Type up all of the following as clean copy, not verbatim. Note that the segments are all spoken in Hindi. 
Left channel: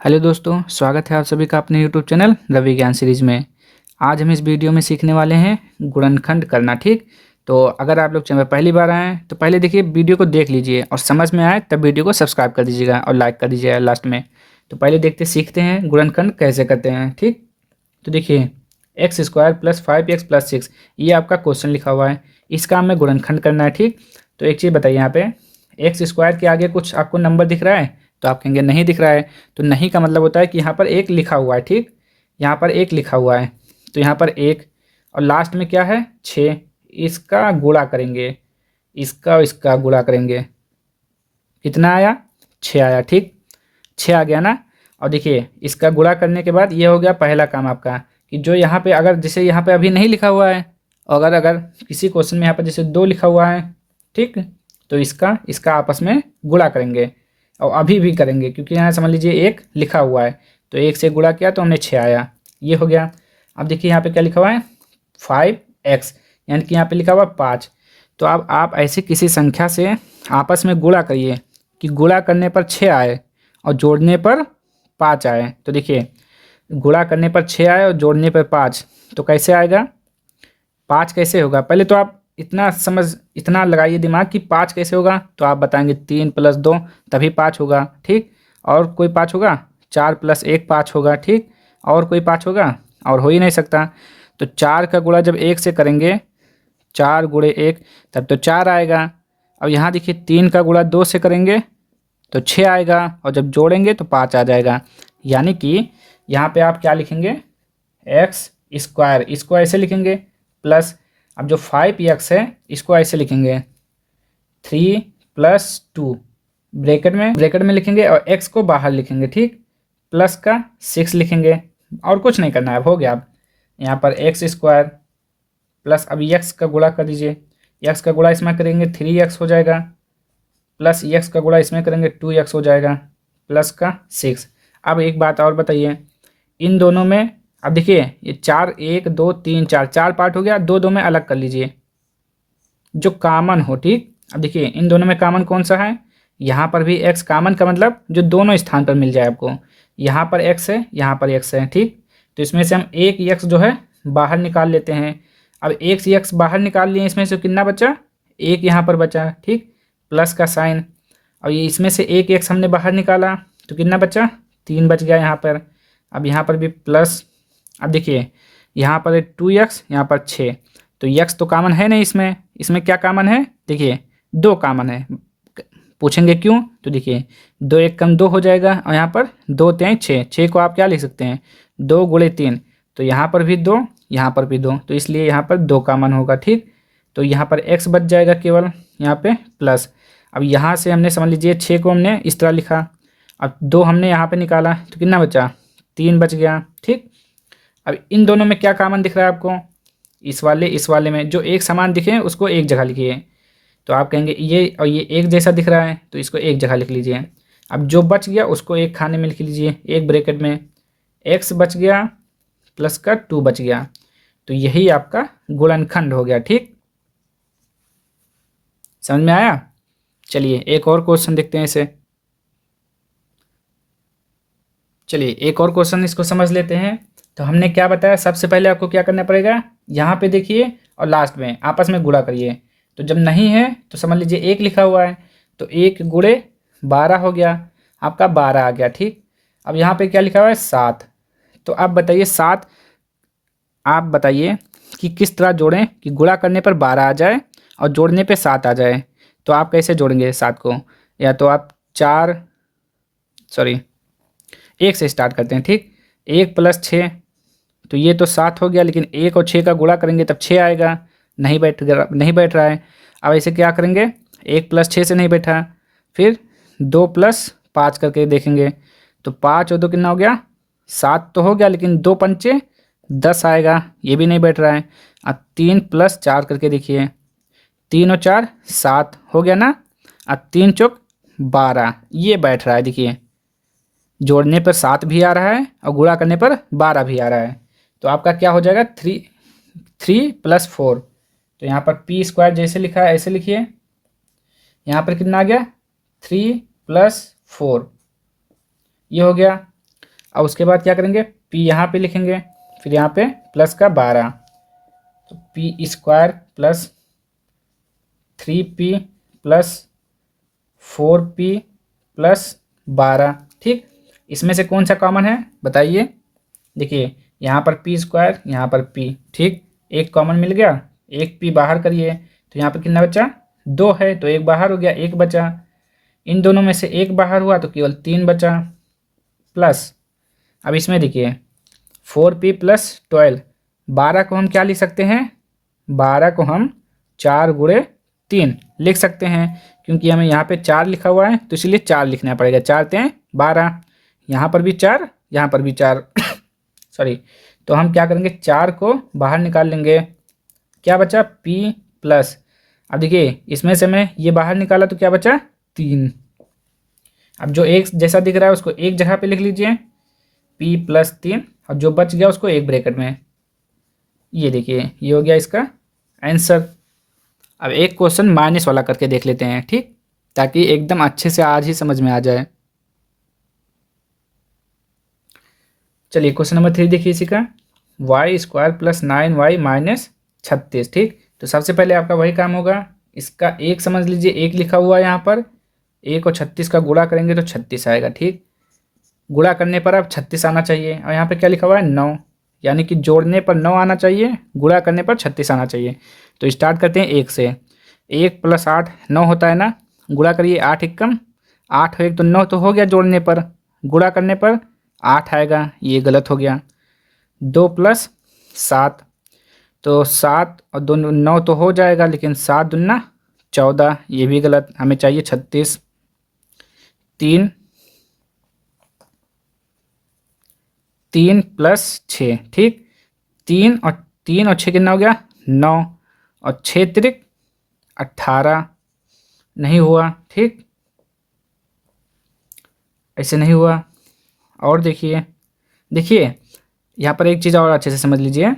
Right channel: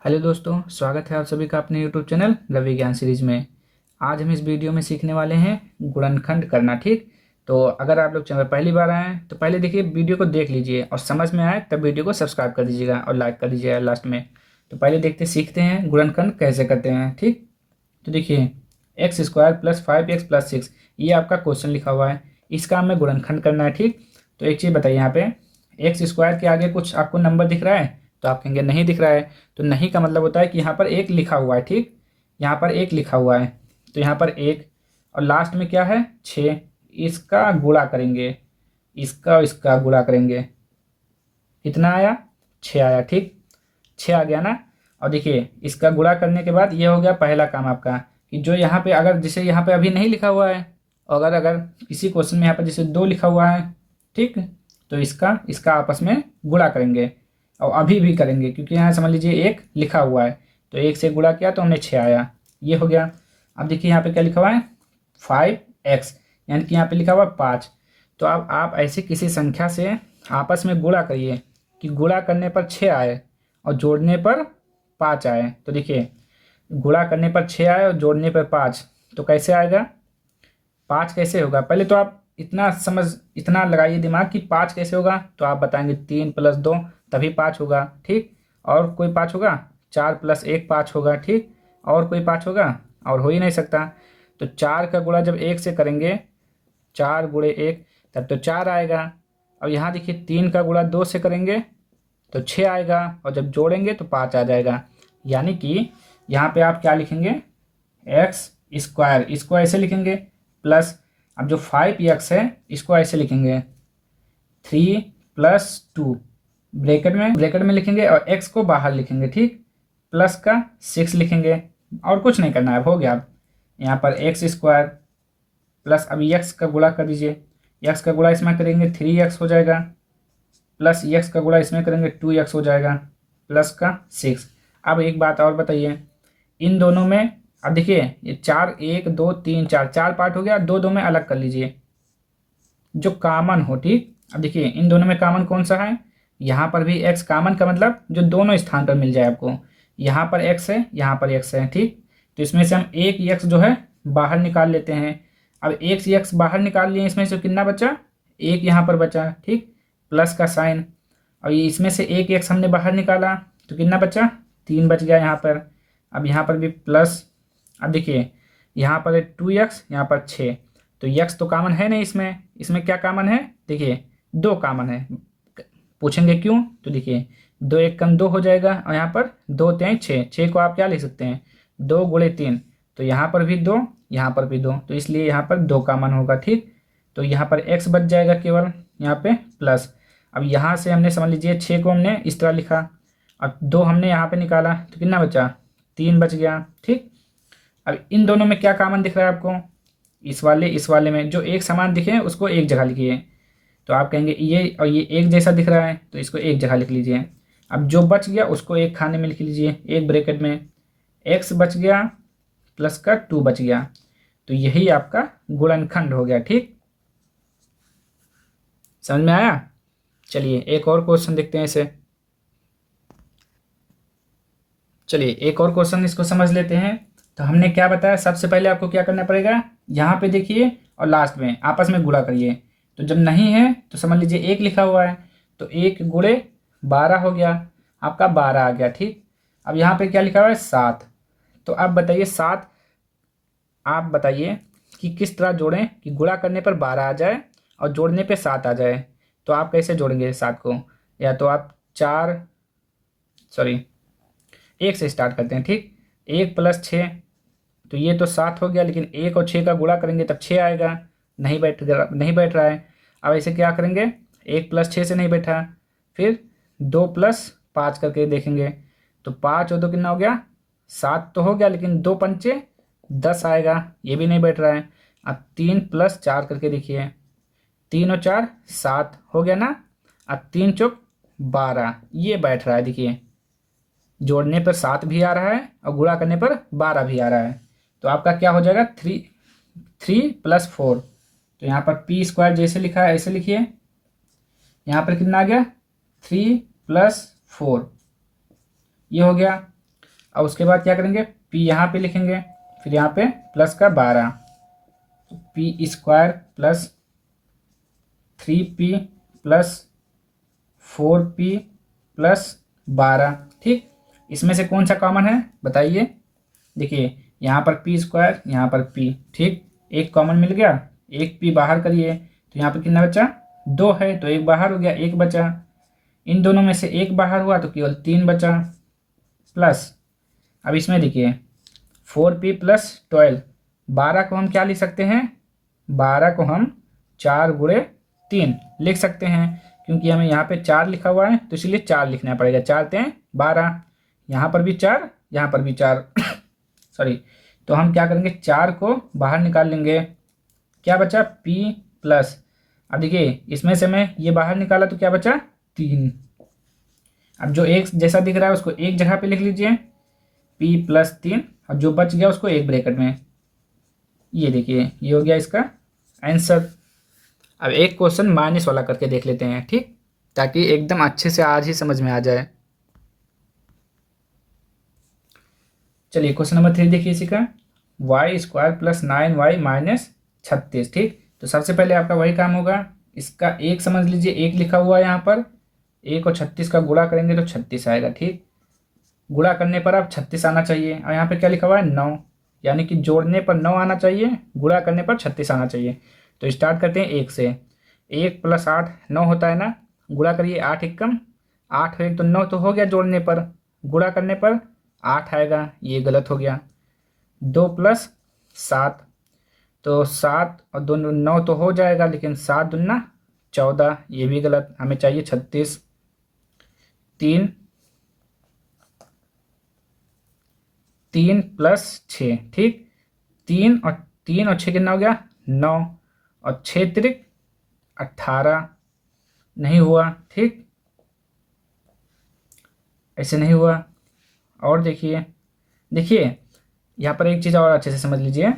हेलो दोस्तों, स्वागत है आप सभी का अपने यूट्यूब चैनल रवि ज्ञान सीरीज में। आज हम इस वीडियो में सीखने वाले हैं गुणनखंड करना। ठीक, तो अगर आप लोग चैनल पर पहली बार आए हैं तो पहले देखिए वीडियो को देख लीजिए और समझ में आए तब वीडियो को सब्सक्राइब कर दीजिएगा और लाइक कर दीजिएगा लास्ट में। तो पहले सीखते हैं गुणनखंड कैसे करते हैं। ठीक, तो देखिए x² + 5x + 6 ये आपका क्वेश्चन लिखा हुआ है, इसका हमें गुणनखंड करना है। ठीक, तो एक चीज़ बताइए, यहाँ पे x² के आगे कुछ आपको नंबर दिख रहा है? तो आप कहेंगे नहीं दिख रहा है। तो नहीं का मतलब होता है कि यहाँ पर एक लिखा हुआ है। ठीक, यहाँ पर एक लिखा हुआ है, तो यहाँ पर एक और लास्ट में क्या है 6। इसका गुणा करेंगे, इसका गुणा करेंगे, कितना आया 6 आया। ठीक, 6 आ गया ना। और देखिए इसका गुणा करने के बाद ये हो गया पहला काम आपका, कि जो यहाँ पे अगर जैसे यहाँ पे अभी नहीं लिखा हुआ है, अगर अगर किसी क्वेश्चन में यहाँ पर जैसे 2 लिखा हुआ है, ठीक, तो इसका आपस में गुणा करेंगे और अभी भी करेंगे, क्योंकि यहाँ समझ लीजिए एक लिखा हुआ है तो एक से गुणा किया तो हमने 6 आया, ये हो गया। अब देखिए यहाँ पे क्या लिखा हुआ है 5x, यानी कि यहाँ पे लिखा हुआ है 5। तो अब आप ऐसे किसी संख्या से आपस में गुणा करिए कि गुणा करने पर 6 आए और जोड़ने पर 5 आए। तो देखिए गुणा करने पर 6 आए और जोड़ने पर 5, तो कैसे आएगा 5 कैसे होगा? पहले तो आप इतना लगाइए दिमाग कि 5 कैसे होगा, तो आप बताएंगे 3 + 2 तभी 5 होगा। ठीक, और कोई 5 होगा? 4 + 1 5 होगा। ठीक, और कोई 5 होगा? और हो ही नहीं सकता। तो 4 का गुणा जब 1 से करेंगे, 4 × 1 तब तो 4 आएगा। अब यहाँ देखिए 3 का गुणा 2 से करेंगे तो 6 आएगा, और जब जोड़ेंगे तो 5 आ जाएगा। यानी कि यहाँ पे आप क्या लिखेंगे x², इसको ऐसे लिखेंगे, प्लस अब जो 5x है इसको ऐसे लिखेंगे 3 + 2 ब्रैकेट में लिखेंगे और x को बाहर लिखेंगे। ठीक, प्लस का 6 लिखेंगे और कुछ नहीं करना है, हो गया। अब यहाँ पर x² प्लस अभी x का गुणा कर दीजिए, x का गुणा इसमें करेंगे 3x हो जाएगा, प्लस x का गुणा इसमें करेंगे 2x हो जाएगा, प्लस का 6। अब एक बात और बताइए, इन दोनों में अब देखिए ये 4 1 2 3 4 4 पार्ट हो गया, दो दो में अलग कर लीजिए जो कामन हो। ठीक, अब देखिए इन दोनों में कामन कौन सा है, यहाँ पर भी x कामन का मतलब जो दोनों स्थान पर मिल जाए आपको, यहाँ पर x है यहाँ पर x है। ठीक, तो इसमें से हम एक x जो है बाहर निकाल लेते हैं। अब एक x बाहर निकाल लिए, इसमें से कितना बचा, एक यहाँ पर बचा। ठीक, प्लस का साइन, और ये इसमें से एक x हमने बाहर निकाला तो कितना बचा, 3 बच गया यहाँ पर। अब यहाँ पर भी प्लस, अब देखिए यहाँ पर 2x यहाँ पर 6, तो x तो कामन है नहीं, इसमें क्या कामन है, देखिए 2 कामन है। पूछेंगे क्यों, तो देखिए 2 1 कम 2 हो जाएगा, और यहाँ पर 2 3 6, 6 को आप क्या लिख सकते हैं 2 × 3, तो यहाँ पर भी 2 यहाँ पर भी 2, तो इसलिए यहाँ पर 2 कामन होगा। ठीक, तो यहाँ पर x बच जाएगा केवल, यहाँ पे प्लस। अब यहाँ से हमने समझ लीजिए 6 को हमने इस तरह लिखा, अब 2 हमने यहाँ पे निकाला तो कितना बचा, 3 बच गया। ठीक, अब इन दोनों में क्या कामन दिख रहा है आपको, इस वाले में जो एक समान दिखे उसको एक जगह लिखिए। तो आप कहेंगे ये और ये एक जैसा दिख रहा है तो इसको एक जगह लिख लीजिए। अब जो बच गया उसको एक खाने में लिख लीजिए, एक ब्रैकेट में x बच गया प्लस का 2 बच गया, तो यही आपका गुणनखंड हो गया। ठीक, समझ में आया? चलिए एक और क्वेश्चन देखते हैं इसे। चलिए एक और क्वेश्चन इसको समझ लेते हैं। तो हमने क्या बताया, सबसे पहले आपको क्या करना पड़ेगा, यहाँ पे देखिए और लास्ट में आपस में गुणा करिए। तो जब नहीं है तो समझ लीजिए एक लिखा हुआ है, तो 1 × 12 हो गया, आपका 12 आ गया। ठीक, अब यहाँ पे क्या लिखा हुआ है 7, तो आप बताइए 7, आप बताइए कि किस तरह जोड़ें कि गुणा करने पर 12 आ जाए और जोड़ने पे 7 आ जाए। तो आप कैसे जोड़ेंगे 7 को, या तो आप 1 से स्टार्ट करते हैं। ठीक, 1 + 6, तो ये तो 7 हो गया, लेकिन 1 और 6 का गुणा करेंगे तब 6 आएगा, नहीं बैठ रहा है। अब ऐसे क्या करेंगे, 1 + 6 से नहीं बैठा, फिर 2 + 5 करके देखेंगे, तो 5 और 2 कितना हो गया 7 तो हो गया, लेकिन 2 पंचे 10 आएगा, ये भी नहीं बैठ रहा है। अब 3 + 4 करके देखिए, 3 और 4 7 हो गया ना। अब 3 चौक 12, ये बैठ रहा है। देखिए जोड़ने पर 7 भी आ रहा है और गुणा करने पर 12 भी आ रहा है, तो आपका क्या हो जाएगा 3 + 4। तो यहाँ पर p² जैसे लिखा है ऐसे लिखिए, यहाँ पर कितना आ गया 3 + 4, ये हो गया। अब उसके बाद क्या करेंगे, p यहाँ पे लिखेंगे, फिर यहाँ पे प्लस का 12, तो P square plus 3p plus 4p plus 12। ठीक, इसमें से कौन सा कॉमन है बताइए। देखिए यहाँ पर पी स्क्वायर, यहाँ पर p, ठीक, एक कॉमन मिल गया, एक p बाहर करिए तो यहाँ पर कितना बचा, 2 है तो एक बाहर हो गया, एक बचा। इन दोनों में से एक बाहर हुआ तो केवल 3 बचा, प्लस अब इसमें देखिए 4p प्लस 12, 12 को हम क्या लिख सकते हैं, 12 को हम 4 गुणे 3 लिख सकते हैं, क्योंकि हमें यहाँ पे 4 लिखा हुआ है तो इसलिए 4 लिखना पड़ेगा, 4 तें 12, यहाँ पर भी 4, यहाँ पर भी 4 सॉरी। तो हम क्या करेंगे, 4 को बाहर निकाल लेंगे, क्या बचा, p प्लस, अब देखिए इसमें से मैं ये बाहर निकाला तो क्या बचा, 3। अब जो एक जैसा दिख रहा है उसको एक जगह पे लिख लीजिए, p प्लस 3, और जो बच गया उसको एक ब्रैकेट में, ये देखिए ये हो गया इसका आंसर। अब एक क्वेश्चन माइनस वाला करके देख लेते हैं, ठीक, ताकि एकदम अच्छे से आज ही समझ में आ जाए। चलिए क्वेश्चन नंबर 3 देखिए इसी का, Y square plus 9y minus 36। ठीक, तो सबसे पहले आपका वही काम होगा, इसका एक समझ लीजिए, एक लिखा हुआ है यहाँ पर, एक और 36 का गुणा करेंगे तो 36 आएगा। ठीक, गुणा करने पर अब 36 आना चाहिए, और यहाँ पे क्या लिखा हुआ है, 9, यानी कि जोड़ने पर 9 आना चाहिए, गुणा करने पर 36 आना चाहिए। तो स्टार्ट करते हैं 1 से, 1 प्लस 8 9 होता है ना, गुणा करिए, 8 एकम 8 हो, 1 तो 9 तो हो गया जोड़ने पर, गुणा करने पर 8 आएगा, ये गलत हो गया। 2 प्लस 7, तो 7 और 2 9 तो हो जाएगा, लेकिन 7 दूना 14, ये भी गलत, हमें चाहिए 36। 3 प्लस 6, ठीक, 3 और 6 कितना हो गया, 9, और 6 त्रिक 18, नहीं हुआ। ठीक, ऐसे नहीं हुआ। और देखिए देखिए यहाँ पर एक चीज़ और अच्छे से समझ लीजिए,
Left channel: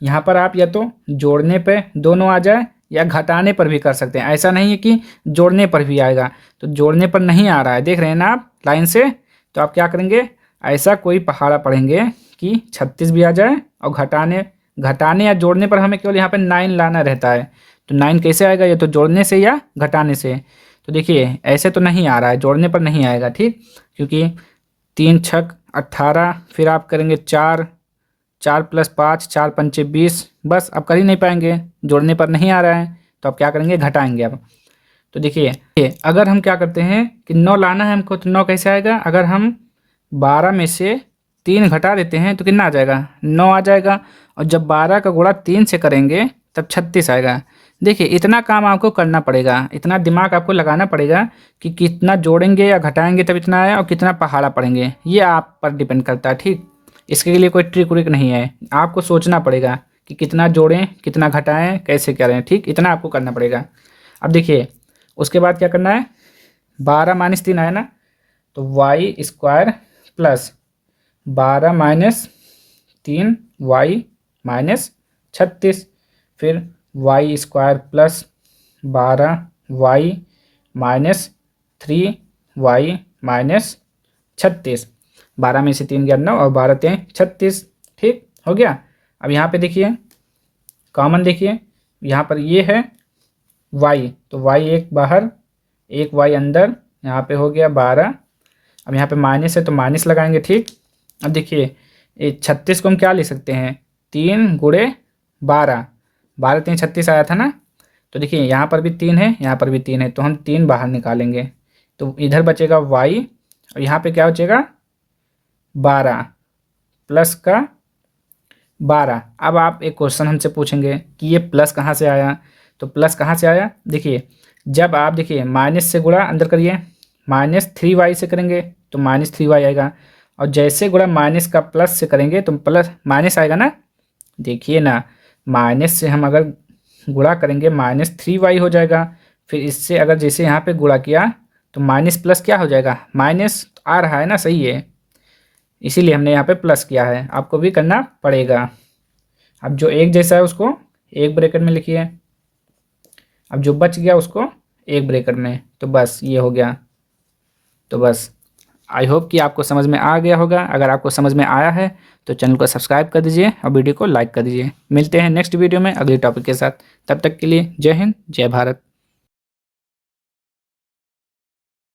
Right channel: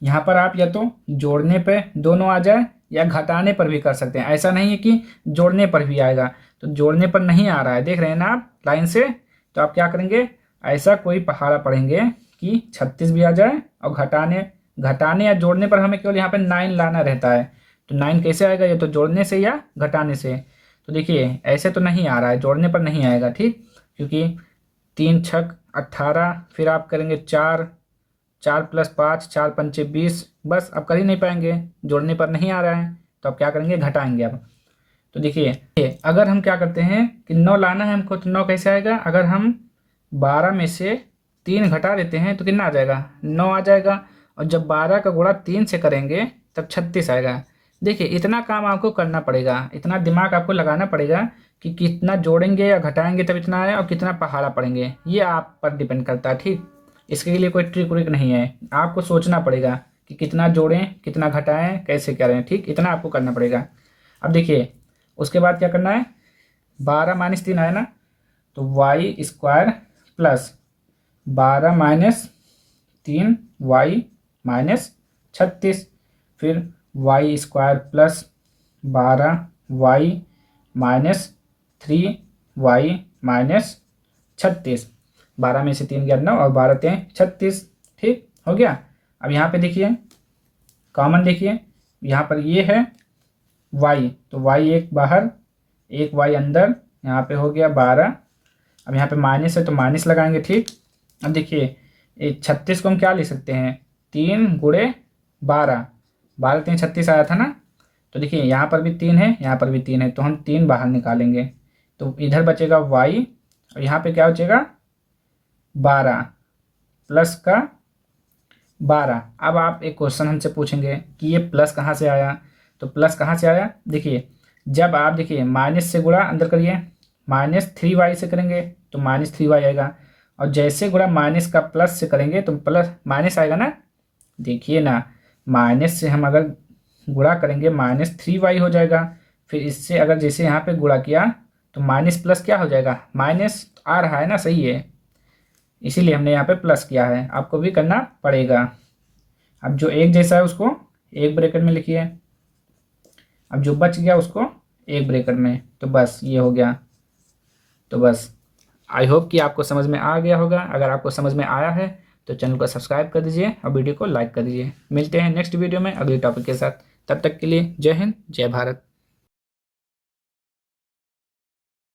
यहाँ पर आप या तो जोड़ने पे दोनों आ जाए या घटाने पर भी कर सकते हैं, ऐसा नहीं है कि जोड़ने पर भी आएगा। तो जोड़ने पर नहीं आ रहा है, देख रहे हैं ना आप लाइन से, तो आप क्या करेंगे, ऐसा कोई पहाड़ा पढ़ेंगे कि 36 भी आ जाए, और घटाने या जोड़ने पर हमें केवल यहाँ पे 9 लाना रहता है। तो 9 कैसे आएगा, या तो जोड़ने से या घटाने से। तो देखिए ऐसे तो नहीं आ रहा है, जोड़ने पर नहीं आएगा, ठीक, क्योंकि 3 छक 18, फिर आप करेंगे 4 प्लस 5, 4 पंचे 20, बस अब कर ही नहीं पाएंगे, जोड़ने पर नहीं आ रहा है, तो अब क्या करेंगे, घटाएंगे अब। तो देखिए अगर हम क्या करते हैं कि 9 लाना है हमको, तो 9 कैसे आएगा, अगर हम 12 में से 3 घटा देते हैं तो कितना आ जाएगा, 9 आ जाएगा, और जब 12 का गुणा 3 से करेंगे तब 36 आएगा। देखिए इतना काम आपको करना पड़ेगा, इतना दिमाग आपको लगाना पड़ेगा कि कितना जोड़ेंगे या घटाएंगे तब इतना आया, और कितना पहाड़ा पढ़ेंगे, ये आप पर डिपेंड करता है। ठीक, इसके लिए कोई ट्रिक व्रिक नहीं है, आपको सोचना पड़ेगा कि कितना जोड़ें कितना घटाएं कैसे करें। ठीक, इतना आपको करना पड़ेगा। अब देखिए उसके बाद क्या करना है, 12 माइनस 3 आया ना, तो y square plus 12 minus 3 y minus 36, फिर y square plus 12 y minus 3 y minus 36, 12 में से 3 गया 9, और 12 तें 36। ठीक हो गया। अब यहाँ पे देखिए कॉमन, देखिए यहाँ पर ये है y, तो y एक बाहर एक y अंदर, यहाँ पे हो गया 12। अब यहाँ पे माइनस है तो माइनस लगाएंगे। ठीक, अब देखिए 36 को हम क्या ले सकते हैं, 3 गुणे 12, 12 3 36 आया था ना, तो देखिए यहाँ पर भी 3 है, यहाँ पर भी 3 है, तो हम 3 बाहर निकालेंगे, तो इधर बचेगा y, और यहाँ पे क्या बचेगा 12 प्लस का 12। अब आप एक क्वेश्चन हमसे पूछेंगे कि ये प्लस कहाँ से आया, तो प्लस कहाँ से आया, देखिए जब आप देखिए माइनस से गुणा अंदर करिए, -3y से करेंगे तो -3y आएगा, और जैसे गुणा माइनस का प्लस से करेंगे तो प्लस माइनस आएगा ना। देखिए ना, माइनस से हम अगर गुणा करेंगे -3y हो जाएगा, फिर इससे अगर जैसे यहाँ पे गुणा किया तो माइनस प्लस क्या हो जाएगा, माइनस आ रहा है ना, सही है, इसीलिए हमने यहाँ पे प्लस किया है, आपको भी करना पड़ेगा। अब जो एक जैसा है उसको एक ब्रैकेट में लिखिए, अब जो बच गया उसको एक ब्रैकेट में, तो बस ये हो गया। तो बस आई होप कि आपको समझ में आ गया होगा। अगर आपको समझ में आया है तो चैनल को सब्सक्राइब कर दीजिए और वीडियो को लाइक कर दीजिए। मिलते हैं नेक्स्ट वीडियो में अगले टॉपिक के साथ। तब तक के लिए जय हिंद, जय भारत।